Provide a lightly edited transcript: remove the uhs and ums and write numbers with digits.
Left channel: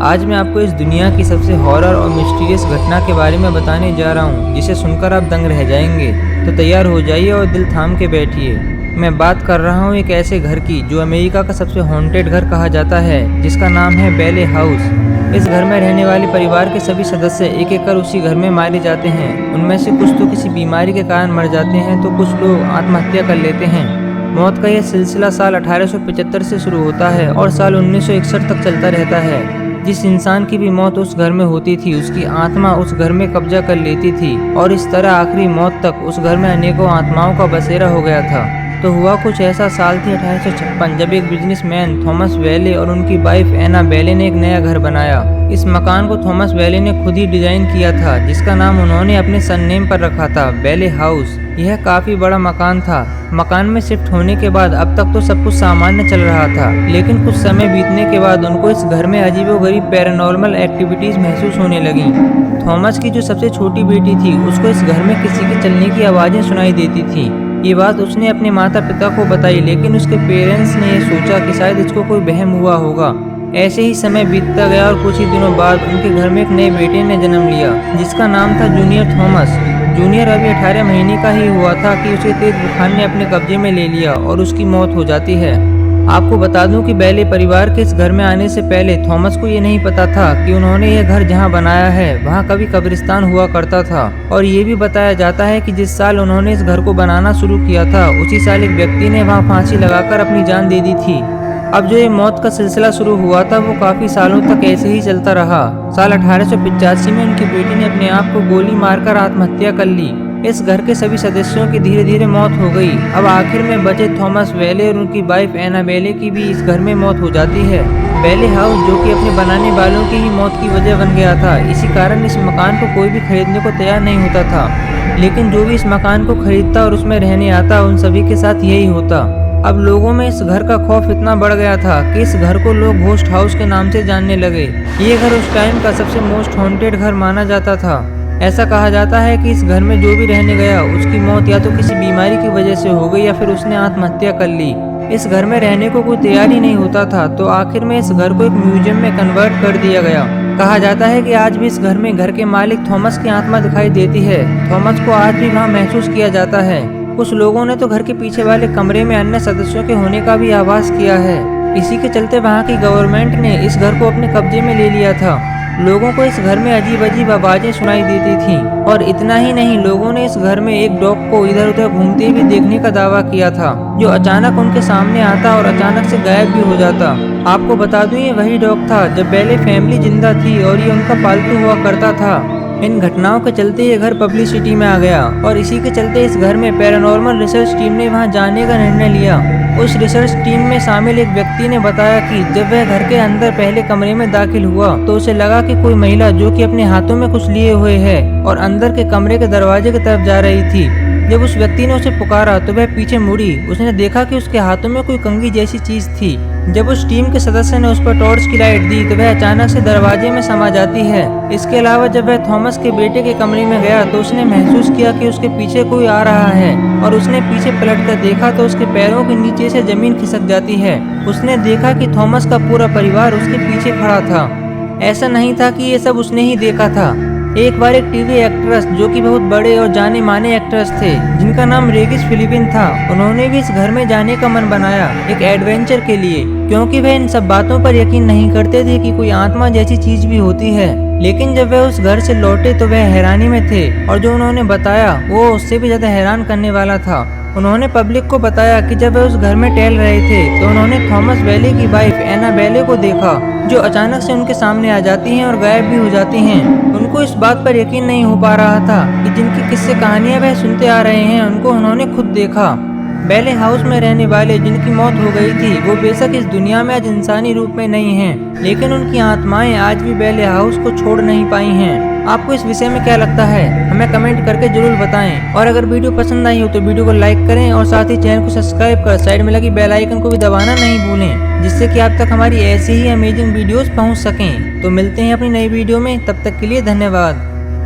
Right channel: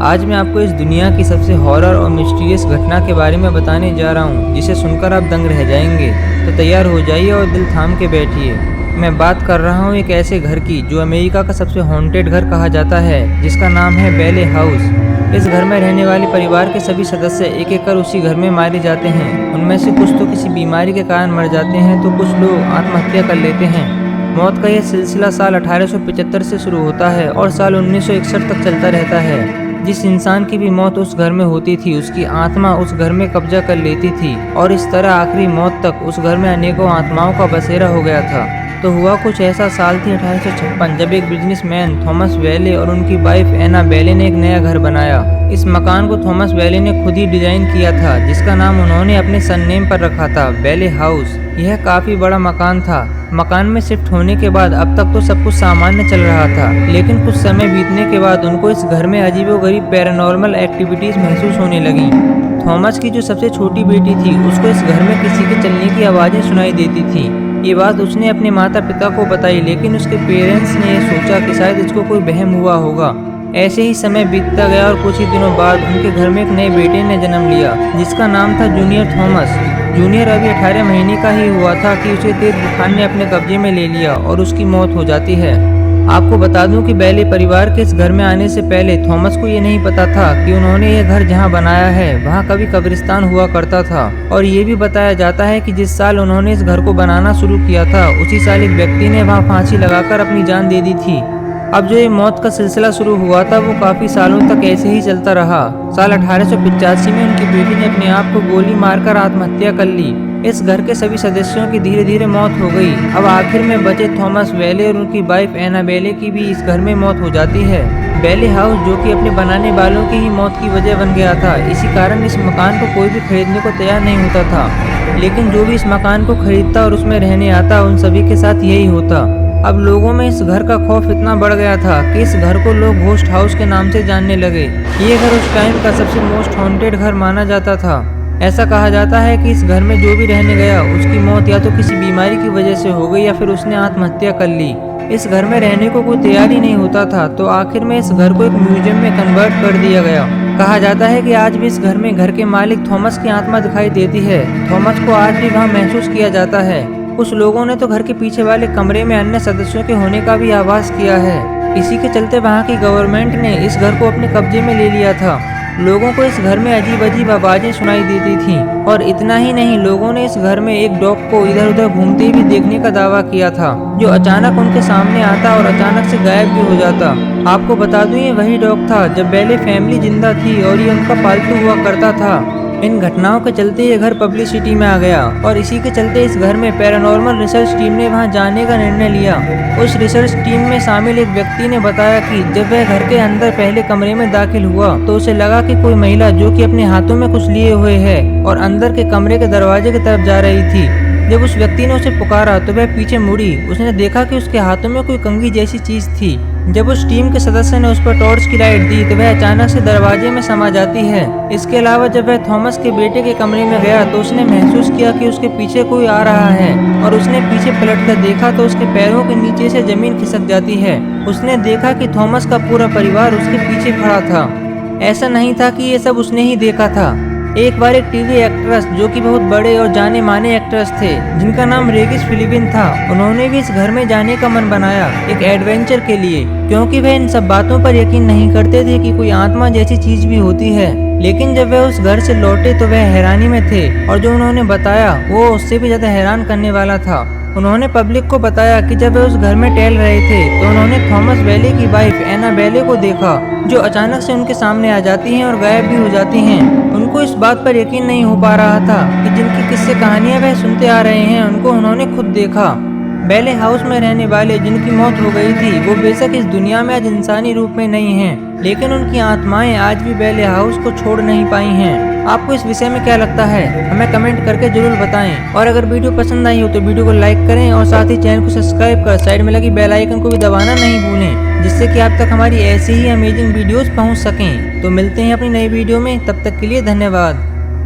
आज मैं आपको इस दुनिया की सबसे हॉरर और मिस्टीरियस घटना के बारे में बताने जा रहा हूँ, जिसे सुनकर आप दंग रह जाएंगे। तो तैयार हो जाइए और दिल थाम के बैठिए। मैं बात कर रहा हूँ एक ऐसे घर की जो अमेरिका का सबसे हॉन्टेड घर कहा जाता है, जिसका नाम है बेले हाउस। इस घर में रहने वाले परिवार के सभी सदस्य एक एक कर उसी घर में मारे जाते हैं। उनमें से कुछ तो किसी बीमारी के कारण मर जाते हैं, तो कुछ लोग आत्महत्या कर लेते हैं। मौत का यह सिलसिला साल 1875 से शुरू होता है और साल 1961 तक चलता रहता है। जिस इंसान की भी मौत उस घर में होती थी, उसकी आत्मा उस घर में कब्जा कर लेती थी और इस तरह आखिरी मौत तक उस घर में अनेकों आत्माओं का बसेरा हो गया था। तो हुआ कुछ ऐसा, साल थी 1856, जब एक बिजनेसमैन थॉमस वेले और उनकी वाइफ एना बेले ने एक नया घर बनाया। इस मकान को थॉमस वेले ने खुद ही डिजाइन किया था, जिसका नाम उन्होंने अपने सरनेम पर रखा था, बेले हाउस। यह काफी बड़ा मकान था। मकान में शिफ्ट होने के बाद अब तक तो सब कुछ सामान्य चल रहा था, लेकिन कुछ समय बीतने के बाद उनको इस घर में अजीबोगरीब पैरानॉर्मल एक्टिविटीज महसूस होने लगीं। थॉमस की जो सबसे छोटी बेटी थी, उसको इस घर में किसी के चलने की आवाजें सुनाई देती थी। ये बात उसने अपने माता पिता को बताई, लेकिन उसके पेरेंट्स ने यह सोचा कि शायद इसको कोई वहम हुआ होगा। ऐसे ही समय बीतता गया और कुछ ही दिनों बाद उनके घर में एक नए बेटे ने जन्म लिया, जिसका नाम था जूनियर थॉमस। जूनियर अभी 18 महीने का ही हुआ था कि उसे तेज बुखार ने अपने कब्जे में ले लिया और उसकी मौत हो जाती है। आपको बता दूं कि बेले परिवार के इस घर में आने से पहले थॉमस को ये नहीं पता था कि उन्होंने यह घर जहां बनाया है वहां कभी कब्रिस्तान हुआ करता था। और ये भी बताया जाता है कि जिस साल उन्होंने इस घर को बनाना शुरू किया था, उसी साल एक व्यक्ति ने वहां फांसी लगाकर अपनी जान दे दी थी। अब जो ये मौत का सिलसिला शुरू हुआ था, वो काफी सालों तक ऐसे ही चलता रहा। साल 1885 में उनकी बेटी ने अपने आप को गोली मारकर आत्महत्या कर ली। इस घर के सभी सदस्यों की धीरे धीरे मौत हो गई। अब आखिर में बचे थॉमस वेले और उनकी वाइफ एना बेले की भी इस घर में मौत हो जाती है। बेले हाउस, जो कि अपने बनाने वालों की ही मौत की वजह बन गया था, इसी कारण इस मकान को कोई भी खरीदने को तैयार नहीं होता था। लेकिन जो भी इस मकान को खरीदता और उसमें रहने आता, उन सभी के साथ यही होता। अब लोगों में इस घर का खौफ इतना बढ़ गया था कि इस घर को लोग घोस्ट हाउस के नाम से जानने लगे। ये घर उस टाइम का सबसे मोस्ट हॉन्टेड घर माना जाता था। ऐसा कहा जाता है कि इस घर में जो भी रहने गया, उसकी मौत या तो किसी बीमारी की वजह से हो गई या फिर उसने आत्महत्या कर ली। इस घर में रहने को कोई तैयार ही नहीं होता था, तो आखिर में इस घर को एक म्यूजियम में कन्वर्ट कर दिया गया। कहा जाता है कि आज भी इस घर में घर के मालिक थॉमस की आत्मा दिखाई देती है। थॉमस को आज भी वहाँ महसूस किया जाता है। कुछ लोगों ने तो घर के पीछे वाले कमरे में अन्य सदस्यों के होने का भी आभास किया है। इसी के चलते वहाँ की गवर्नमेंट ने इस घर को अपने कब्जे में ले लिया था। लोगों को इस घर में अजीब अजीब आवाजें सुनाई देती थीं, और इतना ही नहीं, लोगों ने इस घर में एक डॉग को इधर उधर घूमते भी देखने का दावा किया था, जो अचानक उनके सामने आता और अचानक से गायब भी हो जाता। आपको बता दूं, ये वही डॉग था जब बेले फैमिली जिंदा थी और ये उनका पालतू हुआ करता था। इन घटनाओं के चलते ये घर पब्लिसिटी में आ गया और इसी के चलते इस घर में पैरानॉर्मल रिसर्च टीम ने वहां जाने का निर्णय लिया। उस रिसर्च टीम में शामिल एक व्यक्ति ने बताया कि जब वह घर के अंदर पहले कमरे में दाखिल हुआ, तो उसे लगा कि कोई महिला जो कि अपने हाथों में कुछ लिए हुए है और अंदर के कमरे के दरवाजे की तरफ जा रही थी। जब उस व्यक्ति ने उसे पुकारा तो वह पीछे मुड़ी। उसने देखा कि उसके हाथों में कोई कंघी जैसी चीज थी। जब उस टीम के सदस्य ने उस पर टॉर्च की लाइट दी तो वह अचानक से दरवाजे में समा जाती है। इसके अलावा जब वह थॉमस के बेटे के कमरे में गया तो उसने महसूस किया कि उसके पीछे कोई आ रहा है, और उसने पीछे पलटकर देखा तो उसके पैरों के नीचे से जमीन खिसक जाती है। उसने देखा कि थॉमस का पूरा परिवार उसके पीछे खड़ा था। ऐसा नहीं था कि ये सब उसने ही देखा था। एक बार एक टीवी एक्ट्रेस, जो कि बहुत बड़े और जाने माने एक्ट्रेस थे, जिनका नाम रेगिस फिलिपिन था, उन्होंने भी इस घर में जाने का मन बनाया एक एडवेंचर के लिए, क्योंकि वह इन सब बातों पर यकीन नहीं करते थे कि कोई आत्मा जैसी चीज भी होती है। लेकिन जब वह उस घर से लौटे तो वह हैरानी में थे, और जो उन्होंने बताया वो उससे भी ज्यादा हैरान करने वाला था। उन्होंने पब्लिक को बताया कि जब वह उस घर में टहल रहे थे तो उन्होंने थॉमस वेले की वाइफ एना बेले को देखा, जो अचानक से उनके सामने आ जाती हैं और गायब भी हो जाती हैं। उनको इस बात पर यकीन नहीं हो पा रहा था कि जिनकी किस्से कहानियां वह सुनते आ रहे हैं, उनको उन्होंने खुद देखा। बेले हाउस में रहने वाले जिनकी मौत हो गई थी, वो बेशक इस दुनिया में आज इंसानी रूप में नहीं हैं, लेकिन उनकी आत्माएं आज भी बेले हाउस को छोड़ नहीं पाई हैं। आपको इस विषय में क्या लगता है, हमें कमेंट करके जरूर बताएं। और अगर वीडियो पसंद आई हो तो वीडियो को लाइक करें और साथ ही चैनल को सब्सक्राइब कर साइड में लगी बेल आइकन को भी दबाना नहीं भूलें, जिससे कि आप तक हमारी ऐसी ही अमेजिंग वीडियोस पहुंच सकें। तो मिलते हैं अपनी नई वीडियो में, तब तक के लिए धन्यवाद।